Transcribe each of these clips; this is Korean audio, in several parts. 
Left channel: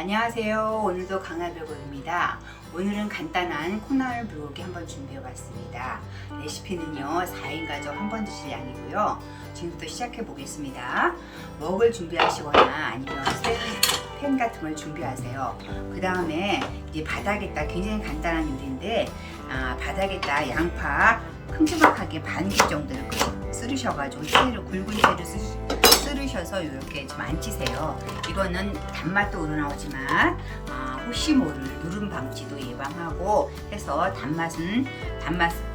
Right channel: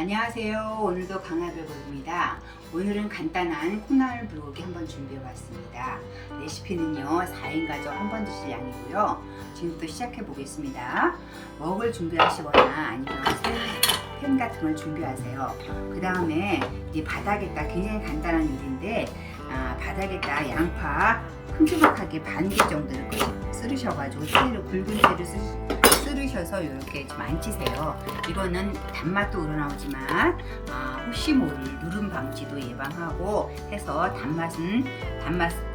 안녕하세요. 오늘도 강화별고입니다. 오늘은 간단한 콩나물 불고기 한번 준비해 봤습니다. 레시피는요 4인 가족 한번 드실 양이고요. 지금부터 시작해 보겠습니다. 먹을 준비하시거나 아니면 팬 같은 걸 준비하세요. 그 다음에 이제 바닥에다 굉장히 간단한 요리인데 바닥에다 양파 큼지막하게 반 개 정도를 썰으셔가지고 채로 굵은 채를 썰으셔서 이렇게 좀 앉히세요. 이거는 단맛도 우러나오지만 혹시 모를 누름 방지도 예방하고 해서 단맛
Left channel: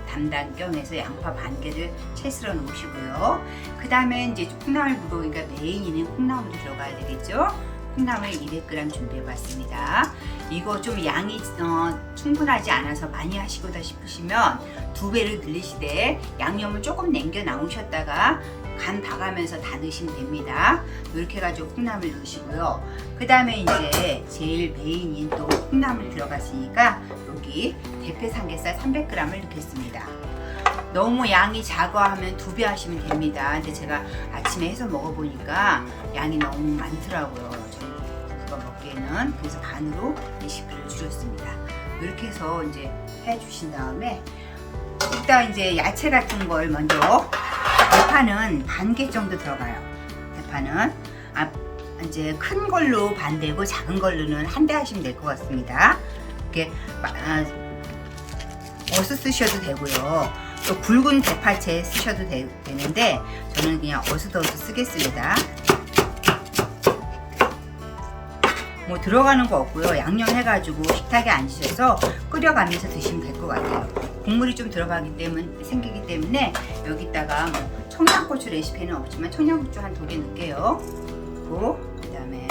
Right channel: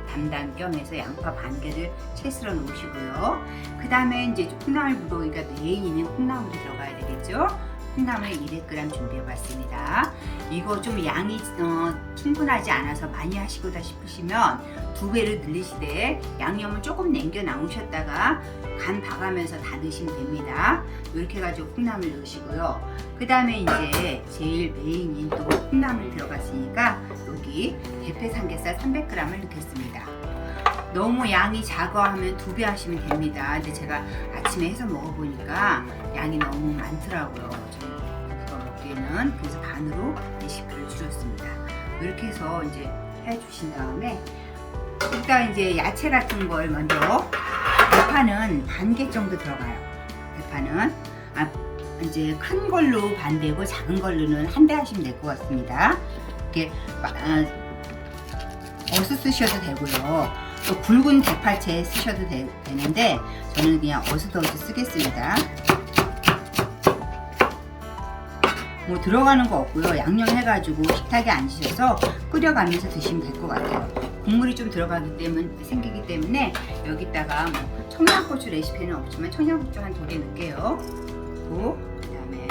담당 겸해서 양파 반 개를 채 썰어 놓으시고요. 그 다음에 이제 콩나물 불고기가 메인인 콩나물이 들어가야 되겠죠. 콩나물 200g 준비해 봤습니다. 이거 좀 양이 충분하지 않아서 많이 하시고다 싶으시면 2배를 늘리시되 양념을 조금 남겨 나오셨다가 간 봐가면서 다 넣으시면 됩니다. 이렇게 해가지고 콩나물 넣으시고요. 그 다음에 이제 제일 메인인 또 콩나물 들어갔으니까 여기 대패 삼겹살 300g을 넣겠습니다. 너무 양이 작아 하면 2배 하시면 됩니다. 근데 제가 아침에 해서 먹어보니까 양이 너무 많더라고요. 그거 먹기에는. 그래서 반으로 레시피를 줄였습니다. 이렇게 해서 이제 해주신 다음에 일단 이제 야채 같은 걸 먼저 대파는 반 개 정도 들어가요. 대파는 이제 큰 걸로 반 대고 작은 걸로는 한 대 하시면 될 것 같습니다. 이렇게 어슷 쓰셔도 되고요. 또 굵은 대파채 쓰셔도 되는데 저는 그냥 어슷 쓰겠습니다. 뭐 들어가는 거 없고요. 양념 해가지고 식탁에 앉으셔서 끓여가면서 드시면 될 것 같아요. 국물이 좀 생기기 때문에 여기다가 뭐 청양고추 레시피는 없지만 청양고추 한 2개 넣을게요. 그리고 그다음에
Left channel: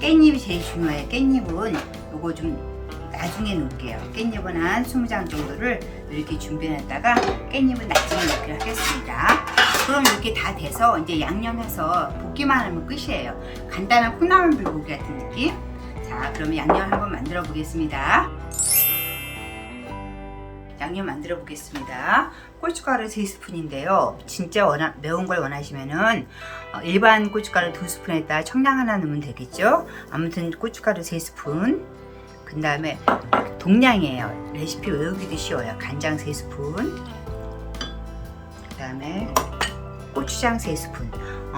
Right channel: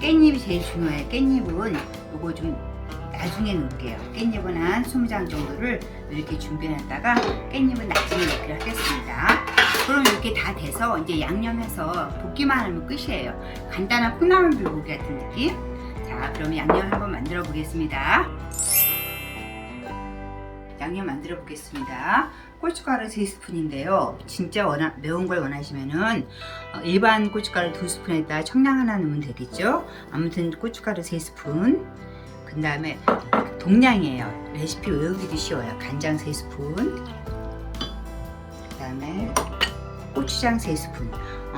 깻잎이 제일 중요해요. 깻잎은 요거 좀 나중에 넣을게요. 깻잎은 한 20장 정도를 이렇게 준비해놨다가 깻잎은 나중에 넣기로 하겠습니다. 그럼 이렇게 다 돼서 이제 양념해서 볶기만 하면 끝이에요. 간단한 콩나물 불고기 같은 느낌. 자, 그러면 양념 한번 만들어 보겠습니다. 양념 만들어 보겠습니다. 고춧가루 3스푼인데요. 진짜 매운 걸 원하시면은 일반 고춧가루 2스푼에다 청량 하나 넣으면 되겠죠. 아무튼 고춧가루 3스푼. 그 다음에 동량이에요. 레시피 외우기도 쉬워요. 간장 3스푼. 그 다음에 고추장 3스푼.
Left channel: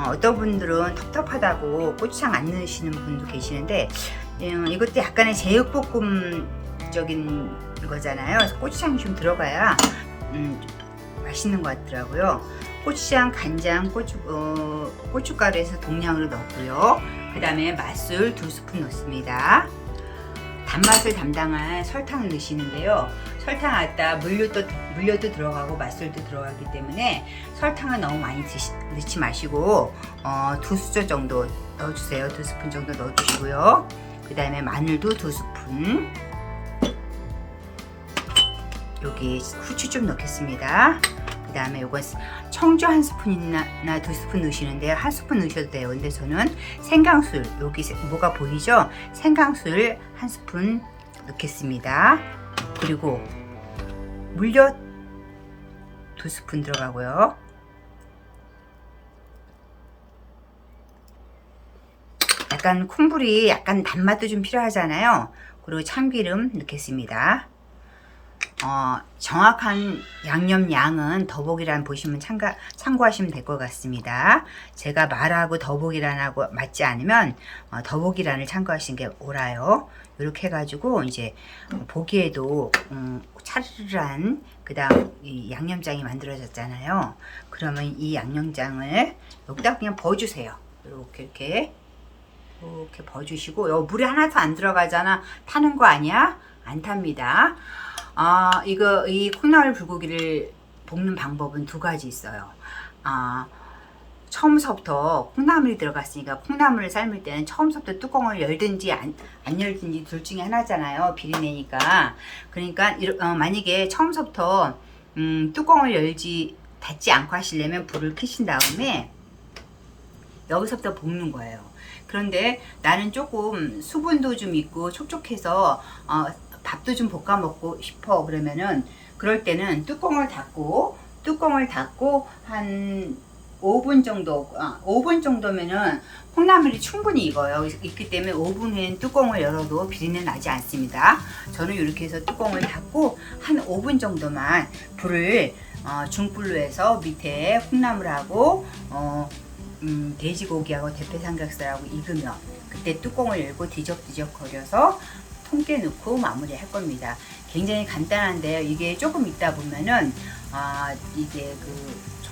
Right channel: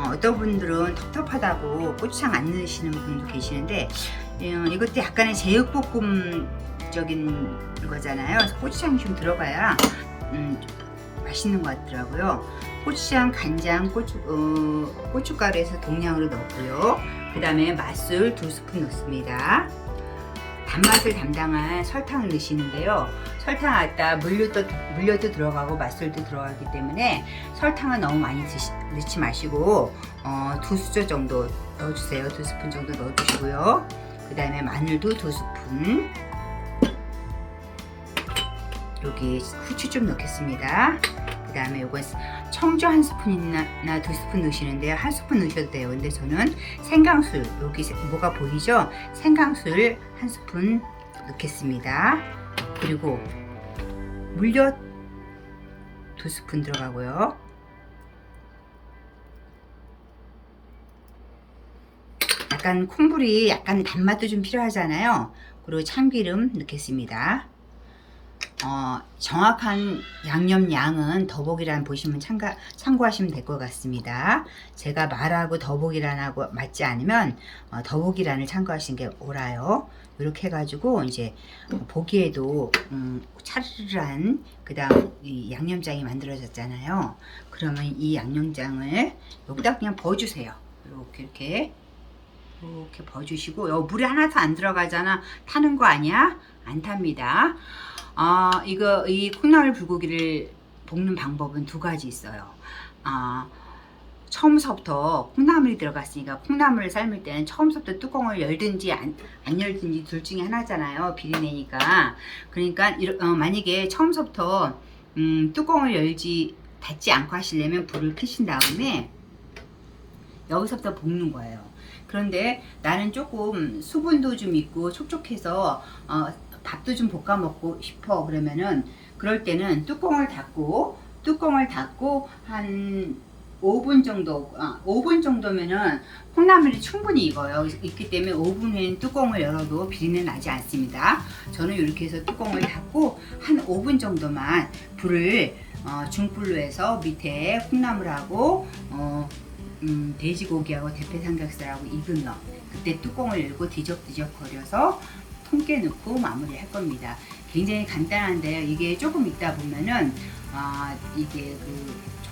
어떤 분들은 텁텁하다고 고추장 안 넣으시는 분도 계시는데 이것도 약간의 제육볶음적인 거잖아요. 그래서 고추장이 좀 들어가야 맛있는 것 같더라고요. 고추장, 간장, 고춧가루에서 동량으로 넣고요. 그 다음에 맛술 2스푼 넣습니다. 단맛을 담당한 설탕을 넣으시는데요. 설탕 갖다 물엿도 들어가고 맛술도 들어가기 때문에 설탕을 너무 많이 넣지 마시고 2수저 정도 넣어주세요. 2스푼 정도 넣어주시고요. 그 다음에 마늘도 2스푼. 여기 후추 좀 넣겠습니다. 그 다음에 이건 청주 1스푼이나 2스푼 넣으시는데요. 1스푼 넣으셔도 돼요. 근데 저는 생강술, 여기 뭐가 보이죠? 생강술 1스푼 넣겠습니다. 그리고 물엿 2스푼 들어가고요. 약간 콩불이 약간 단맛도 좀 필요하잖아요. 그리고 참기름 넣겠습니다. 정확한 양념 양은 더보기란 보시면 참고하시면 될 것 같습니다. 제가 말하고 더보기란하고 맞지 않으면 더보기란을 참고하시는 게 옳아요. 이렇게 해가지고 이제 보기에도 차르르한 그다음 이 양념장이 만들어졌잖아요. 그러면 이 양념장을 여기다 그냥 부어주세요. 이렇게 부어주시고 물이 하나도 안 들어가잖아. 타는 거 아니야? 안 탑니다. 이 콩나물 불고기를 볶는 방법은 2가지 있어요. 처음서부터 콩나물이 들어갔으니까 콩나물을 삶을 때는 처음서부터 뚜껑을 열든지 안 열든지 둘 중에 하나잖아요. 비린내니까. 그러니까 만약에 처음서부터 뚜껑을 닫지 않고 하시려면 불을 켜신 다음에 여기서부터 볶는 거예요. 그런데 나는 조금 수분도 좀 있고 촉촉해서 밥도 좀 볶아 먹고 싶어 그러면은 그럴 때는 뚜껑을 닫고 한 5분 정도, 5분 정도면은 콩나물이 충분히 익어요. 익기 때문에 5분 후엔 뚜껑을 열어도 비린내 나지 않습니다. 저는 이렇게 해서 뚜껑을 닫고 한 5분 정도만 불을 중불로 해서 밑에 콩나물하고 돼지고기하고 대패 삼겹살하고 익으면 그때 뚜껑을 열고 뒤적뒤적 거려서 통깨 넣고 마무리 할 겁니다. 굉장히 간단한데요. 이게 조금 있다 보면은 이게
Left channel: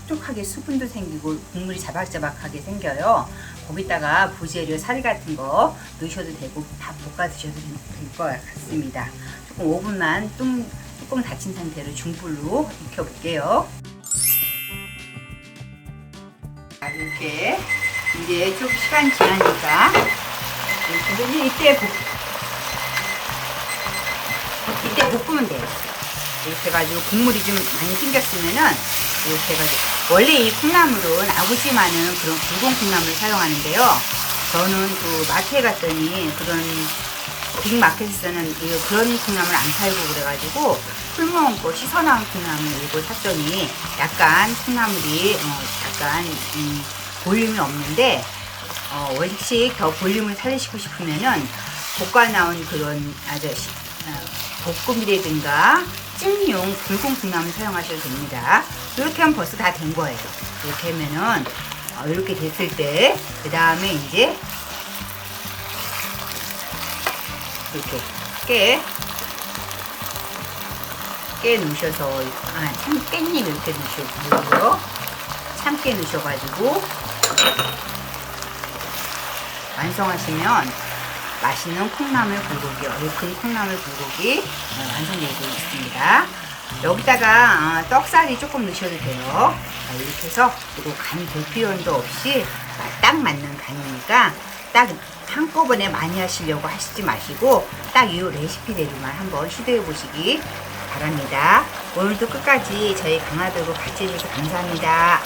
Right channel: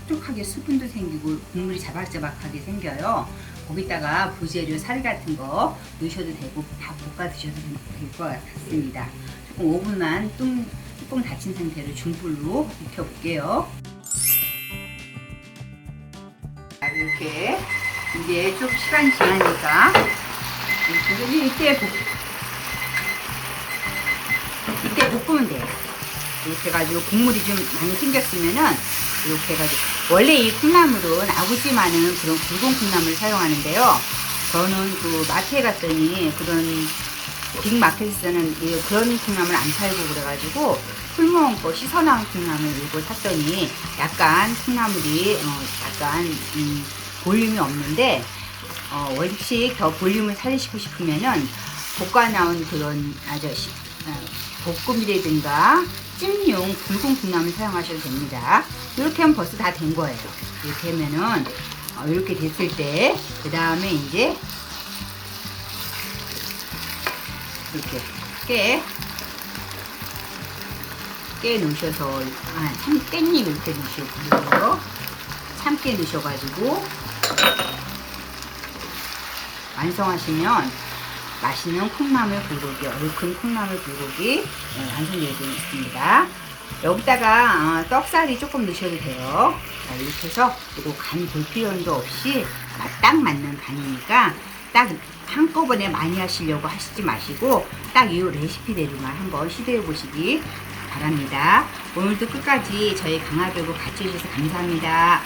촉촉하게 수분도 생기고 국물이 자박자박하게 생겨요. 거기다가 부재료 사리 같은 거 넣으셔도 되고 밥 볶아 드셔도 될 것 같습니다. 조금 5분만 뚜껑 닫힌 상태로 중불로 익혀볼게요. 이렇게 이제 좀 시간이 지나니까 이때 볶으면 돼요. 이렇게 해가지고 국물이 좀 많이 생겼으면은 이렇게 해가지고 원래 이 콩나물은 아구찜 하는 그런 굵은 콩나물을 사용하는데요. 저는 그 마트에 갔더니 그런 빅마켓에서는 그런 콩나물 안 팔고 그래가지고 흙먹은 거 씻어나온 콩나물 일부 샀더니 약간 콩나물이 약간 볼륨이 없는데 원식 더 볼륨을 살리시고 싶으면은 볶아 나온 그런 볶음이라든가 찜용 굵은 콩나물 사용하셔도 됩니다. 이렇게 하면 벌써 다 된 거예요. 이렇게 하면은 이렇게 됐을 때 그 다음에 이제 이렇게 깨 넣으셔서 깻잎 이렇게 넣으시고요. 참깨 넣으셔가지고 완성하시면 맛있는 콩나물 불고기, 얼큰 콩나물 불고기 완성되고 있습니다. 여기다가 떡살이 조금 넣으셔도 돼요. 이렇게 해서 그리고 간 볼 필요도 없이 딱 맞는 간이니까 딱 한꺼번에 많이 하시려고 하시지 마시고 딱 이 레시피대로만 한번 시도해 보시기 바랍니다. 오늘도 끝까지 저희 강화도로 같이 해주셔서 감사합니다.